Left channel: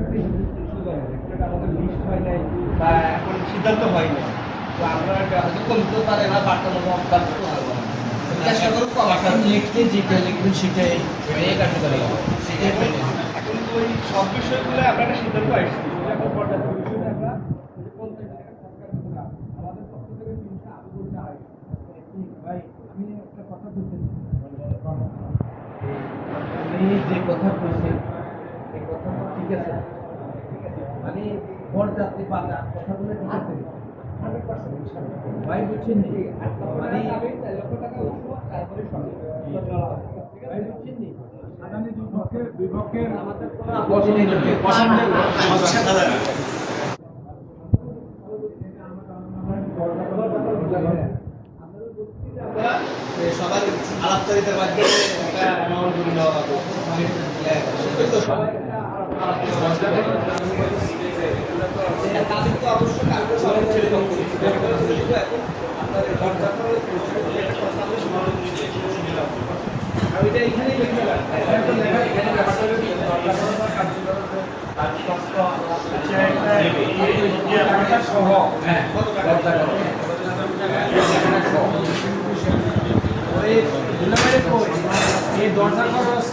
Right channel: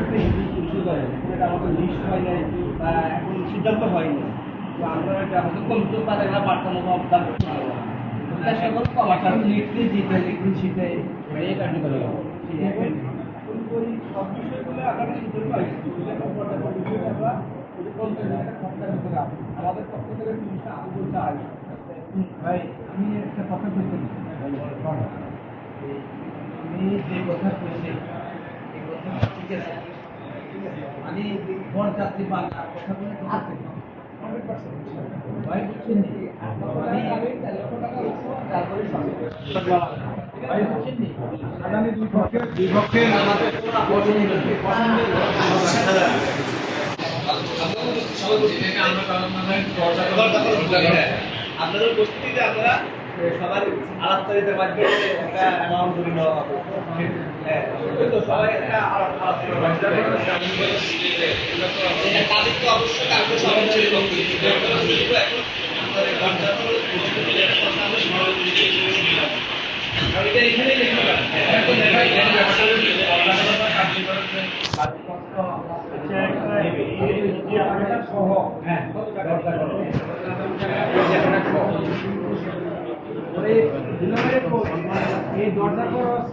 একটা ইস্যু করে এটা আমাদের লিস্ট হয় নাই বা এখন সিদ্ধান্ত হয়নি। তো আমরা হয়তো কমতে পারে না পারতাম না অবদান করতে পারবো না। চেষ্টা করবো আপনার লিখতে যেটা লিখবেন সেটাই কার্যকরী হবে। এখন ওই সব বিষয়গুলো আমরা একটা সিদ্ধান্ত আসছি এখন পর্যাপ্ত বিষয় আমরা আমাদের পক্ষ থেকে জিনিসটা আরো চাই। ভাই আমি একটা কথা বলতে আমি যে কথা বলছি এই কথা ঠিক আছে, আমি বর যাত্রী পালা কথা বলে ভাই বুঝছেন আগামী দুই পক্ষের আপনাদের উপস্থিতিতে আমরা সবাই আলাপচারিতার মাধ্যমে একটা অ্যামাউন্ট করে দেওয়া হবে। সবাই একটা তাদের তো অবশ্যই কাউকে সবাই এখন এটা এখানেই লিখতে পারেন। এই দরজা খরচ